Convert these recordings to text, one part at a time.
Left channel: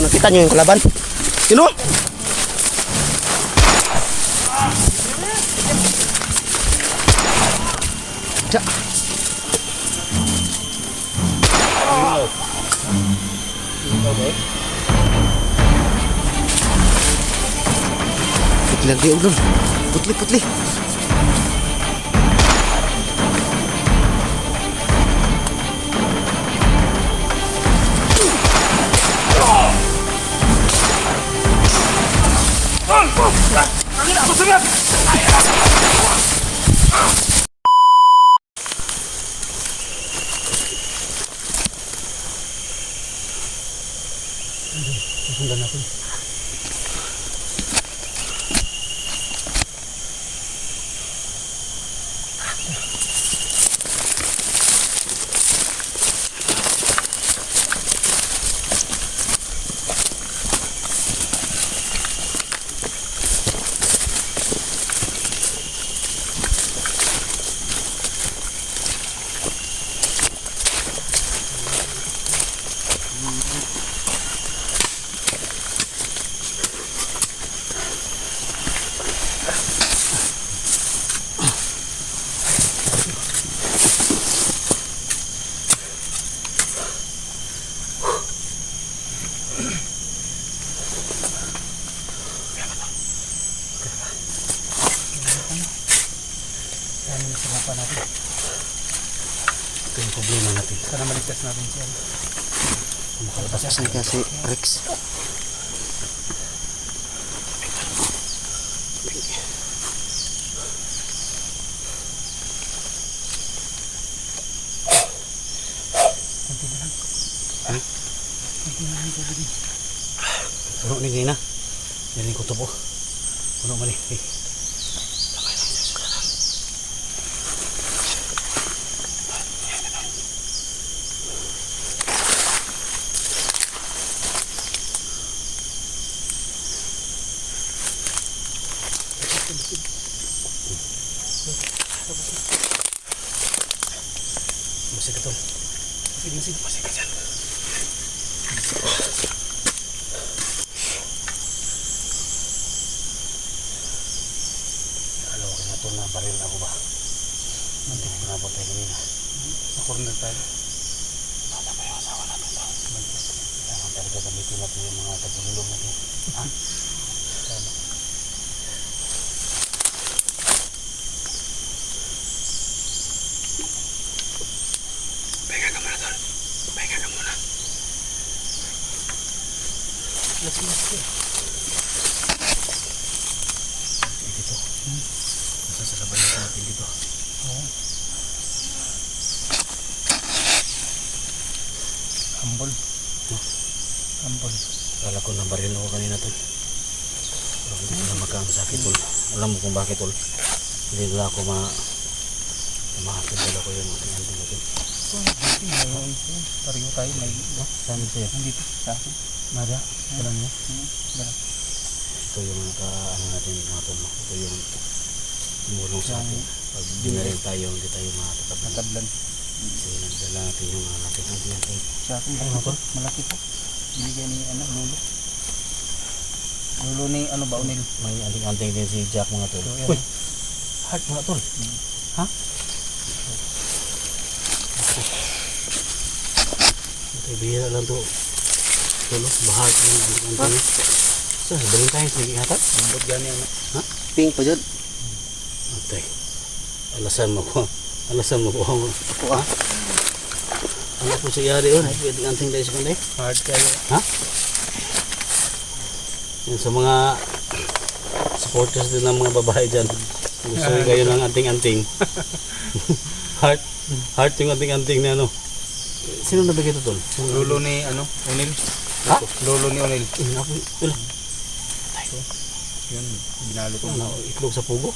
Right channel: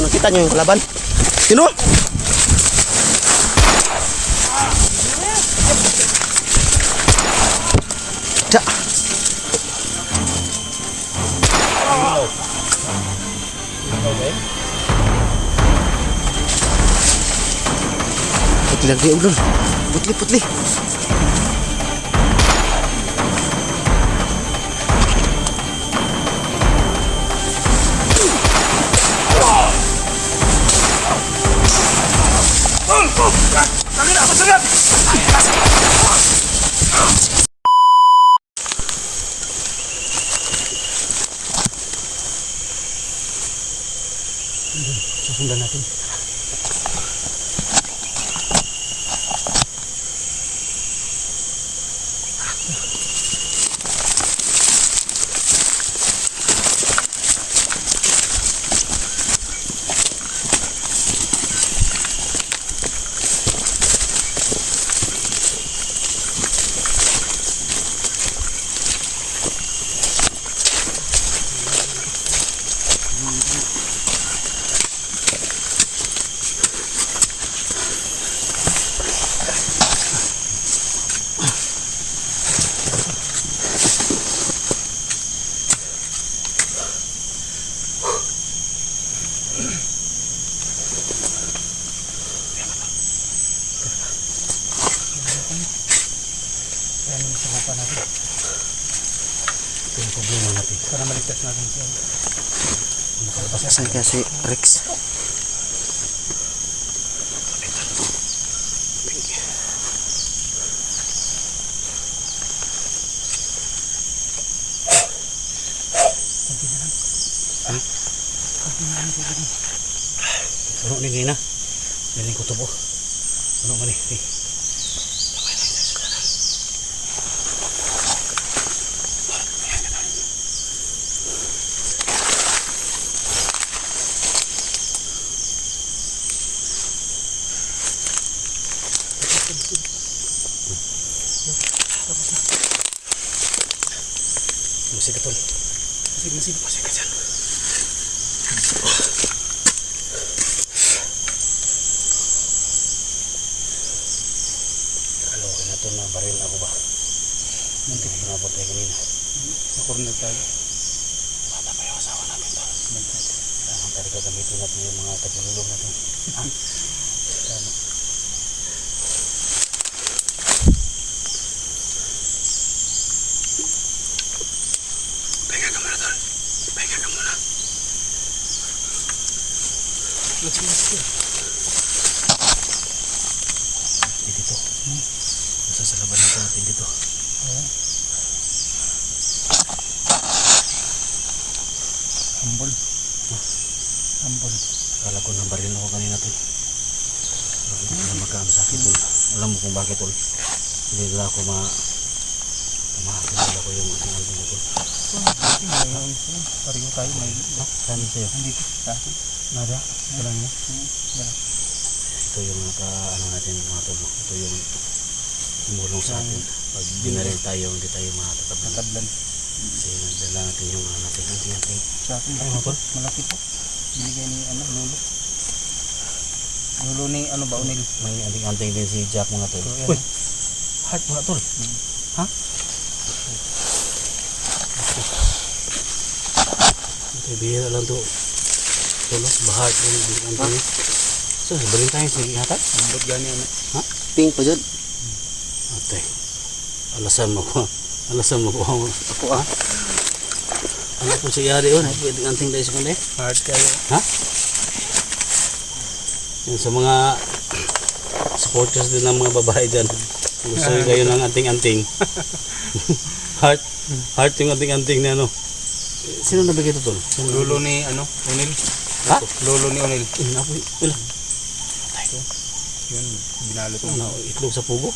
Nakita niyo yung kalaban? Sino? Cak. Putli lagi udah. Putli. Susundan natin. Natin. Ito yung problema natin. Sana maligtas natin siya. Makalapasan kaya si Rex. Kunti na lang. Ha? Kunti na lang tubig. Puno ni ngayon na. Yan yung kutubo. Puno man eh. Masih betul. Masih kejar. Kalau kena tu na baril aku bah. Nanti kenapa kayak gini? Aku rendah tadi. Ada apa yang salah nanti tahu. Nanti. Tadi kata gitu nanti yang mengatakan dulu itu. Dito. Nasa sa laban natin dito. Ambon. Ambon. Kala ko ng baril ako kanina tol. Hindi ko makamasakit tol. Alam mo kung bakit tol. Hindi na ako maasin ko yung nandun ko tol. Pariyo tayo may saan sa'yo? Dito sa akin. Nada? Walang niya? Wala. Ito yung ano natin mga tol. Ito yung tumulong sa atin. Pag binaril tayo, hindi tayo matatablan. Kasi nagdala natin yung natin natin. Sa akin, malaki po. Binigay ni Lolo. Lolo ni Baunil. May anting-anting din si Jack mga tol. Uy! Heart mga tol. Ha? Ito bihira lang to. Tulos, bahat yung anting-anting. So, sabihin tayo sa higingatan. Ambot gani ano. Ha? Ping pa dyan. Okay. Alasan mo po. Ako ah. Ano po siya yari yun? Pwede anting tayo sa kanila. Hard kayo. Ha? Yan sa mga supporters din ng mga babae dyan. Gusto nyo kayo ng anting-anting. Heart yung anting-anting na ano. Sino nabigay ito tol? Lolo ni Onil. Ha? Lolo ni Onil. Wala. Yan, binalo ko. Itlog sa pugo?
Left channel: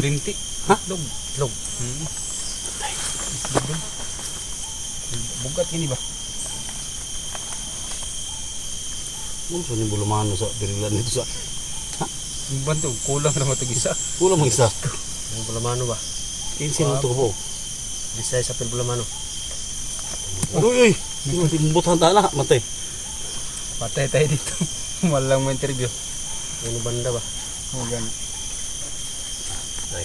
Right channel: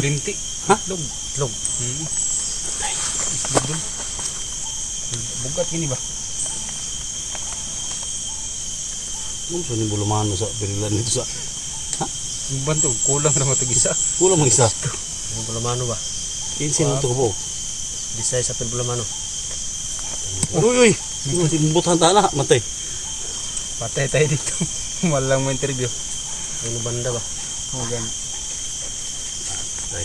Linti. Ha? Itlog. Itlog dun. Bugat gini ba? Ano sa nang bulumahan mo sa birilan nito sa? Ha? Ang banto, kulang na matag-isa. Kulang mag-isa? Ang bulamano ba? 15 na ito ko po. Disay sa bulamano. Uy! Bubutan ta na, matay. Patay tayo dito. Walang mo interview. Ano banda ba? O gani. Ay,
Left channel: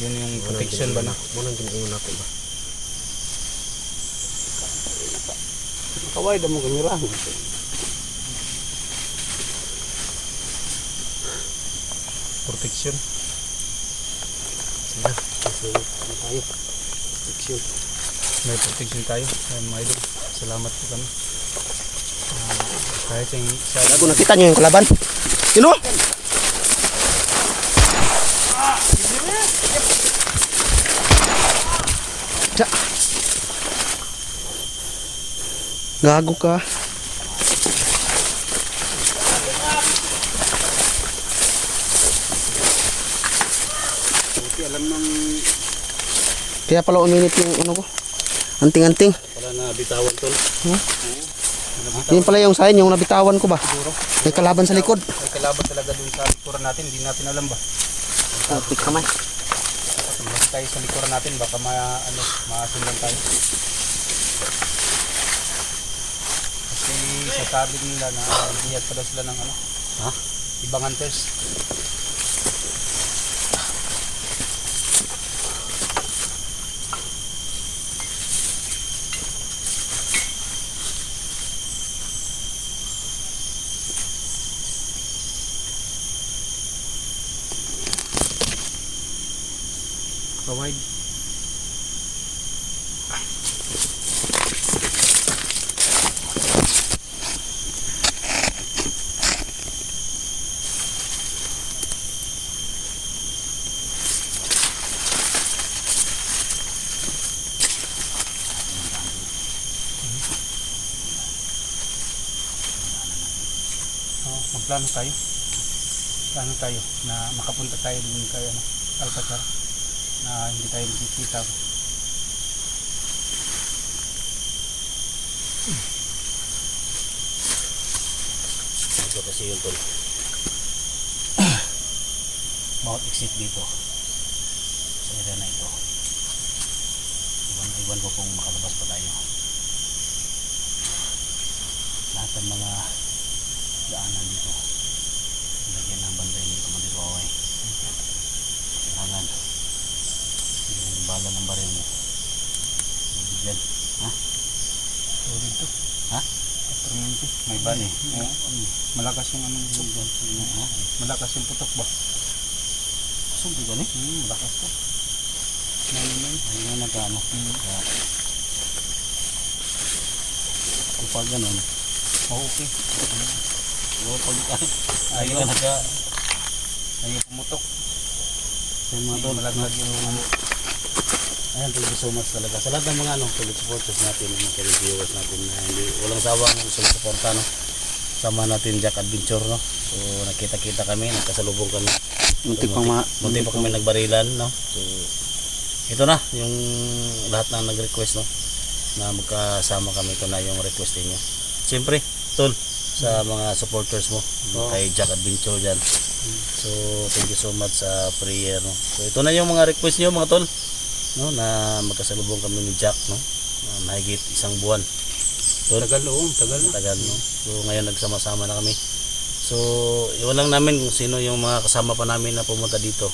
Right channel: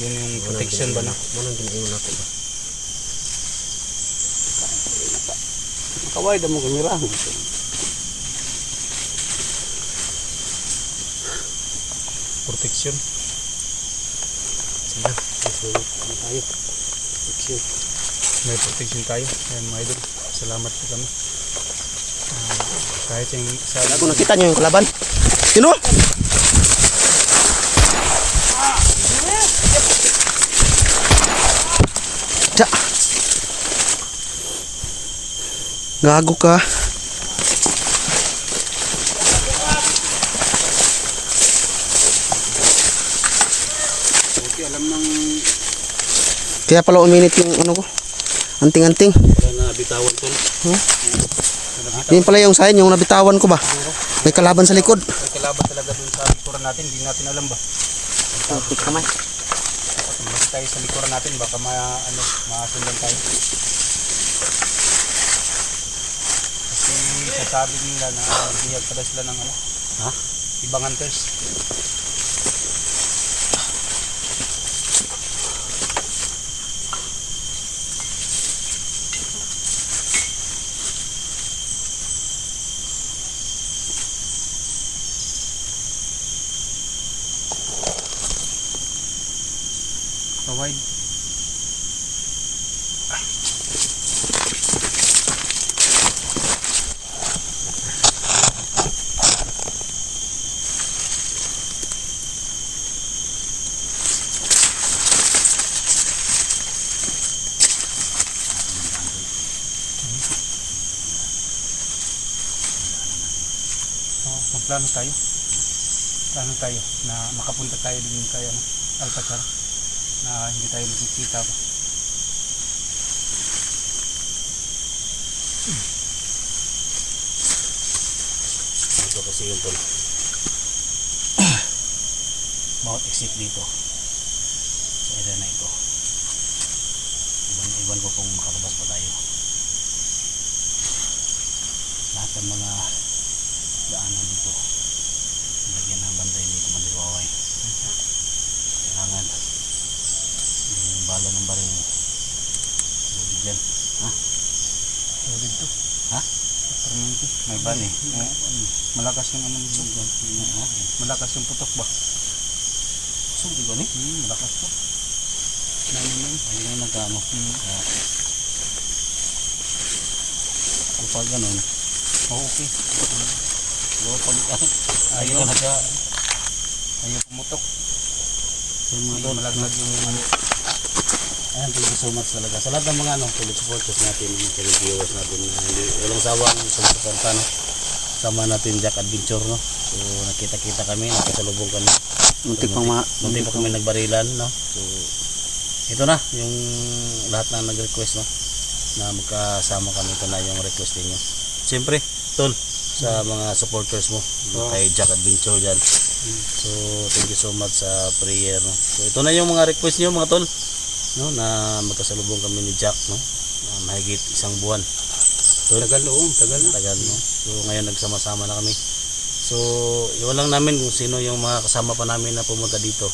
Yun yung protection ba na? Muna ginaingon ako ba? Kaway damo kamera. Protection. Sige, susunod na tayo. Action. May protection tayo. Ayan mga idol. Salamat po kami. Kahit yung sa... Bago nakita niyo yung kalaban. Sino? Tiya. Gago ka. Alam ng... Kaya pala uminit yung ano ko. Anting-anting. Wala na bitawan tol. Huh? Yun pala yung sign, yung nabitawan ko ba? May kalaban sa likod. May kalaban talaga dun sa likuran natin. Hindi natin alam ba? Tapik kamay. Mas tayo sa likuran natin. Baka masundan tayo. Kasi sasabi nila na biyag pa daw sila ng ano. Ha? Ibang hunters. Kawide. Magplano tayo. Plano tayo na makapunta tayo dun kay Alcazar. Na hindi tayo makikita ba. Ito kasi yung tol. Bawat exit dito sa area na ito. Iwan ko kung makalabas pa tayo. Lahat ng mga daanan dito lagyan ng banday ni Commander Waway. Kailangan yung bala ng baril mo loaded yan. Ha? Loaded to? Ha? Paternity? May bali? Malakas yung ano yung malakas yung putok ba? Kusog di ba ni? Malakas to. Ayun na nagano. Kapag ganun okay. Pero pag ayaw pumutok. Yung mga tol, malaglag yung ayan, thank you so much talaga sa lahat ng mga supporters natin, mga viewers natin na walang sawang sumusuporta sama natin Jack Adventure so nakita-kita kami, nagkasalubong kami muntik pa kami nagbarilan so ito na yung lahat na nag-request na magkasama kami. Ito na yung request niyo siyempre tol sa mga supporters mo kay Jack Adventure dyan. So thank you so much sa prayer so ito na yung mga request niyo mga tol na magkasalubong kami ni Jack na mahigit isang buwan. So, tagal so ngayon nagsama-sama na kami. So iwan lang namin kung sino yung mga kasama pa namin na pumunta dito.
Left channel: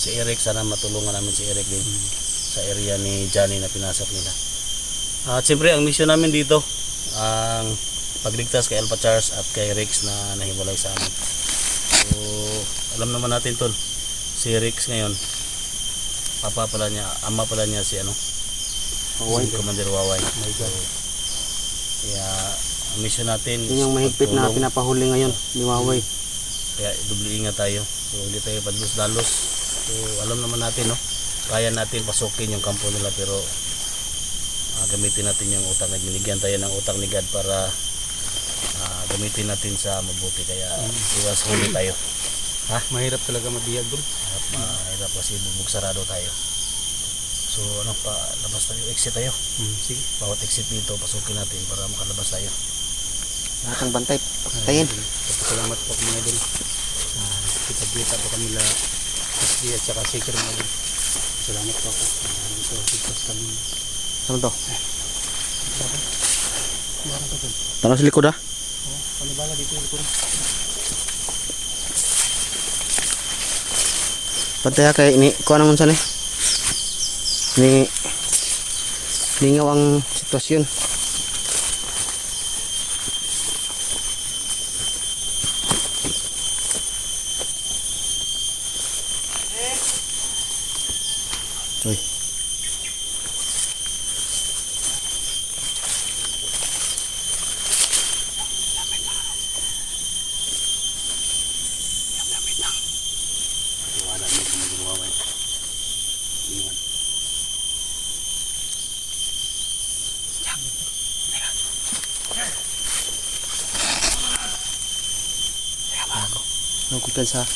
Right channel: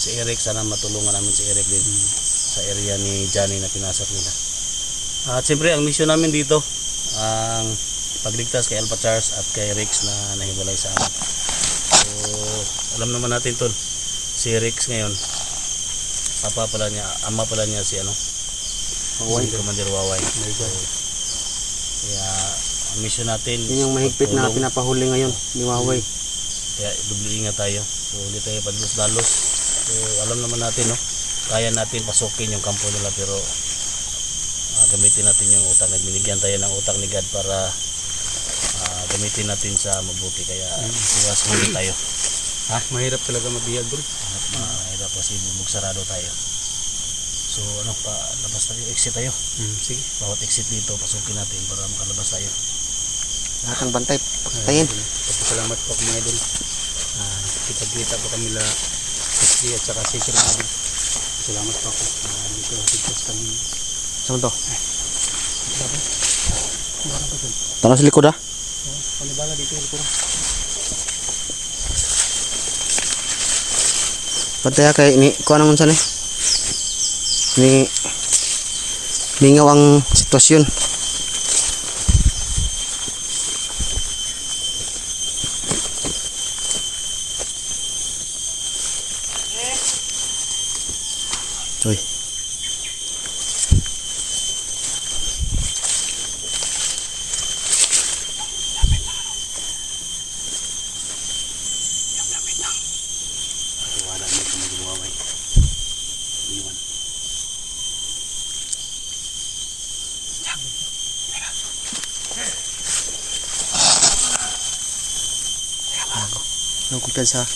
Si Eric, sana matulungan namin si Eric din sa area ni Johnny na pinasok nila. At siyempre ang mission namin dito ang pagligtas kay Alpha Charles at kay Rex na nahiwalay sa amin. So alam naman natin tol, si Rex ngayon ama pala niya si Waway, si Commander Waway. Oh my God. Kaya ang mission natin yun yung mahigpit na pinapahuli ngayon ni Waway. Kaya doble ingat tayo. So hindi tayo padalos-dalos. So alam naman natin kaya natin pasukin yung kampo nila pero gamitin natin yung utak na binigyan tayo ng utak ni God para gamitin natin sa mabuti kaya iwas huli tayo. Mahirap talaga mabihag bro. Mahirap kasi bubugsarado tayo. So labas tayo, exit tayo. Sige, bawat exit dito pasukin natin para makalabas tayo. Lahat ng bantay patayin. Salamat po mga idol. Kita-kita po kami la SG at saka Sir Magin. Salamat po ako. Dito sigos kami. Saan to? Tanong sa likod Panibaga dito. Pataya kay ni kuha naman sa ni lingaw ang sitwasyon. Uy. Wala mo kung magluwaway. Iwan. Ang kumpiyansa.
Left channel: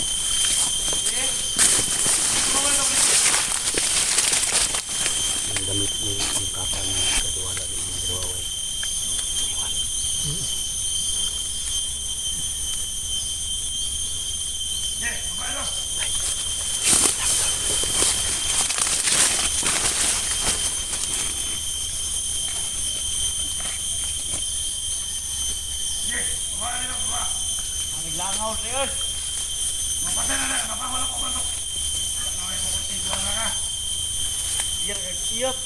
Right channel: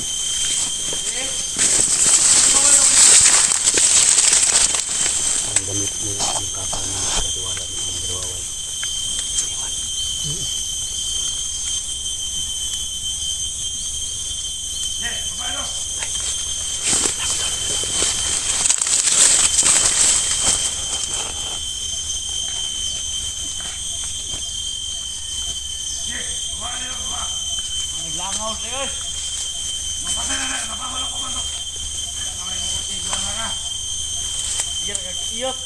Ang damit ni ang kapa ng katiwala ni magluwaway. Iwan. Naglangaw sa'yo eh. Mapatay na na, napawala ko man to. Langaw ay mukutiguan na ka. Iyot.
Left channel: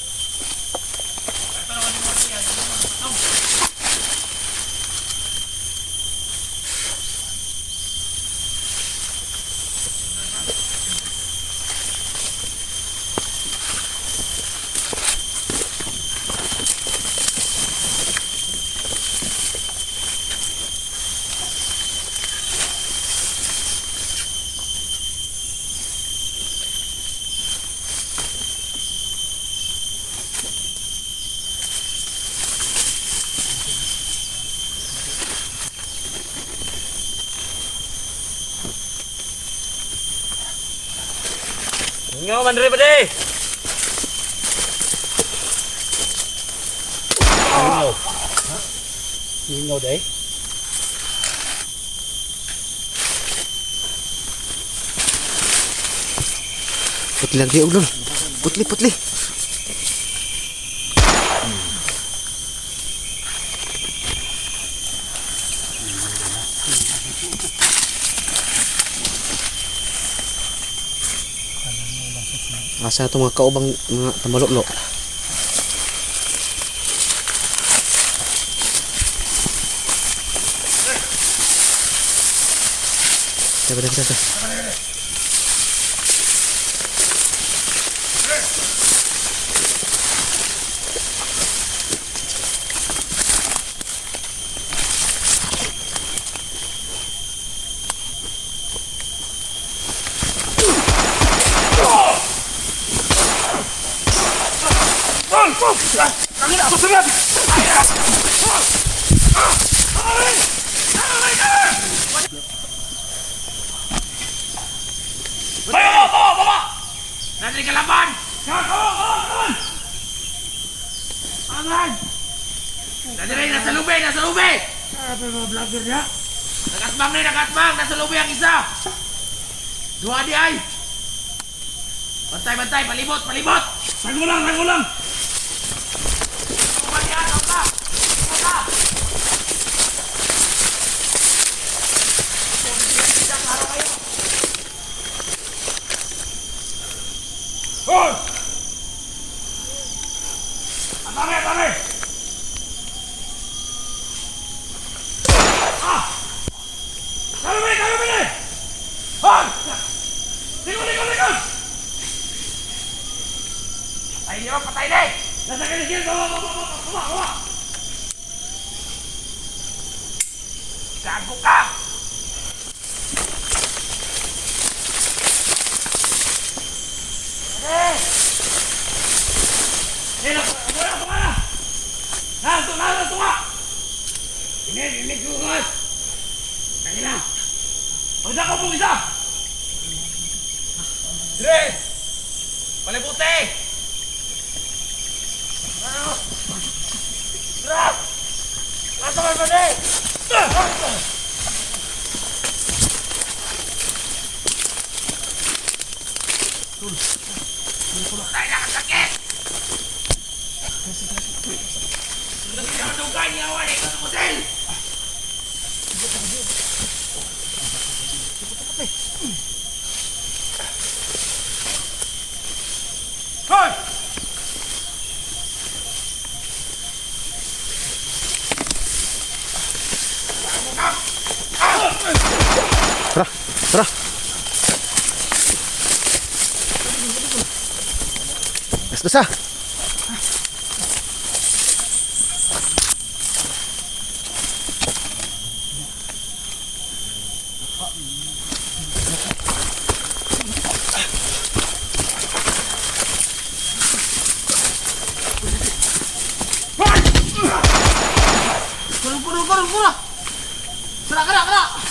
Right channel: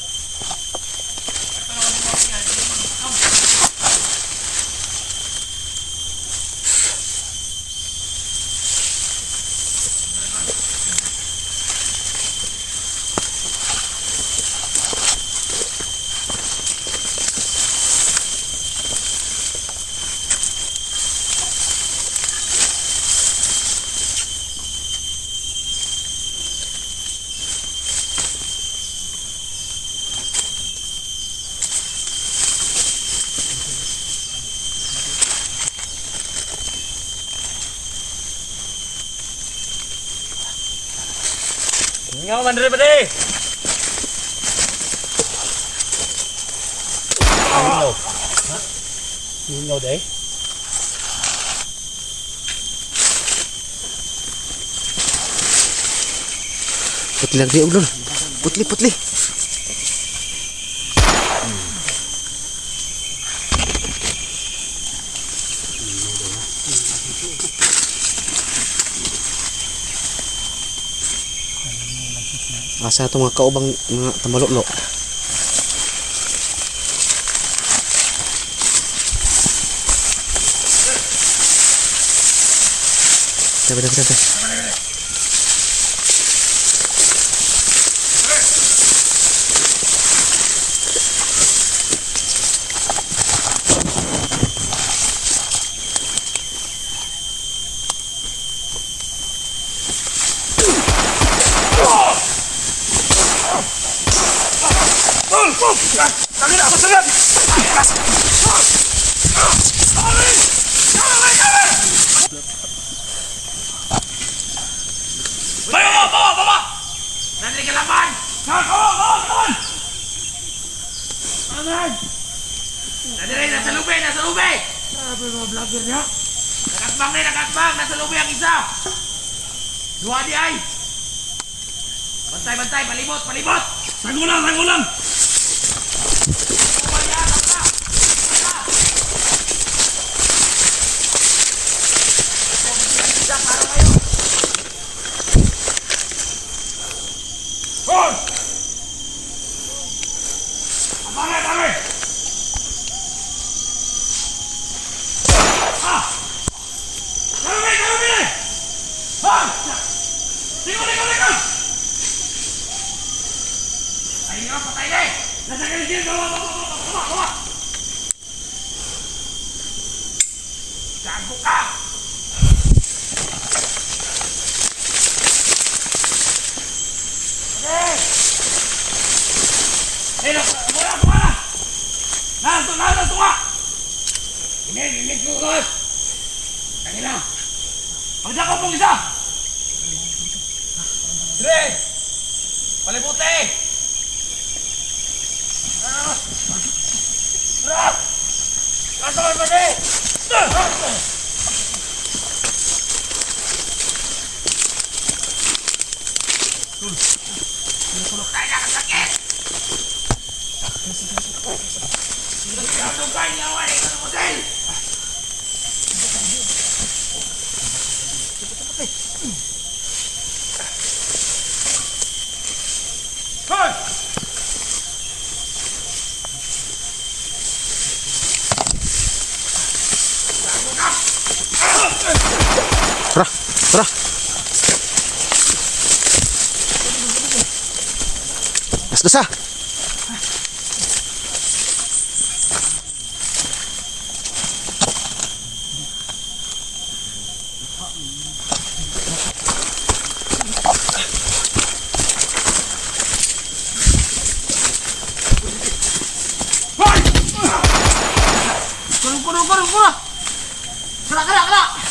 Ito naman yung mga tingnan, hindi mo natakaw. Ngaw man rin ba di? Lingaw. Lingaw day. Putli lang di ulol. Putli. Asa ito mga kaubang mga tambalok. Dapat. Tangin ako sagad! Baba! Nandiyan ka laban! Aman! Nandiyan, nasa lube! Sabi mo, vlogger niya? Nakatbang! Nasa lube ang isa! Dua di ay! Bantay! Palibot! Nagulang! Hoy! Tare! Dami! Hoy! Ligo! Ay, hindi mo patay na eh! Nasa kaligid! Kuma! Gago ka! Tunga! Ini gugus! Kanina! Huwag ako pong isa! Dre! Palibuti! Nasa ka ba di? Tayo na ang sakit! Sinadugay niya away! Hotel! Tara, tara. Gas-gasa. Kurang. Kena.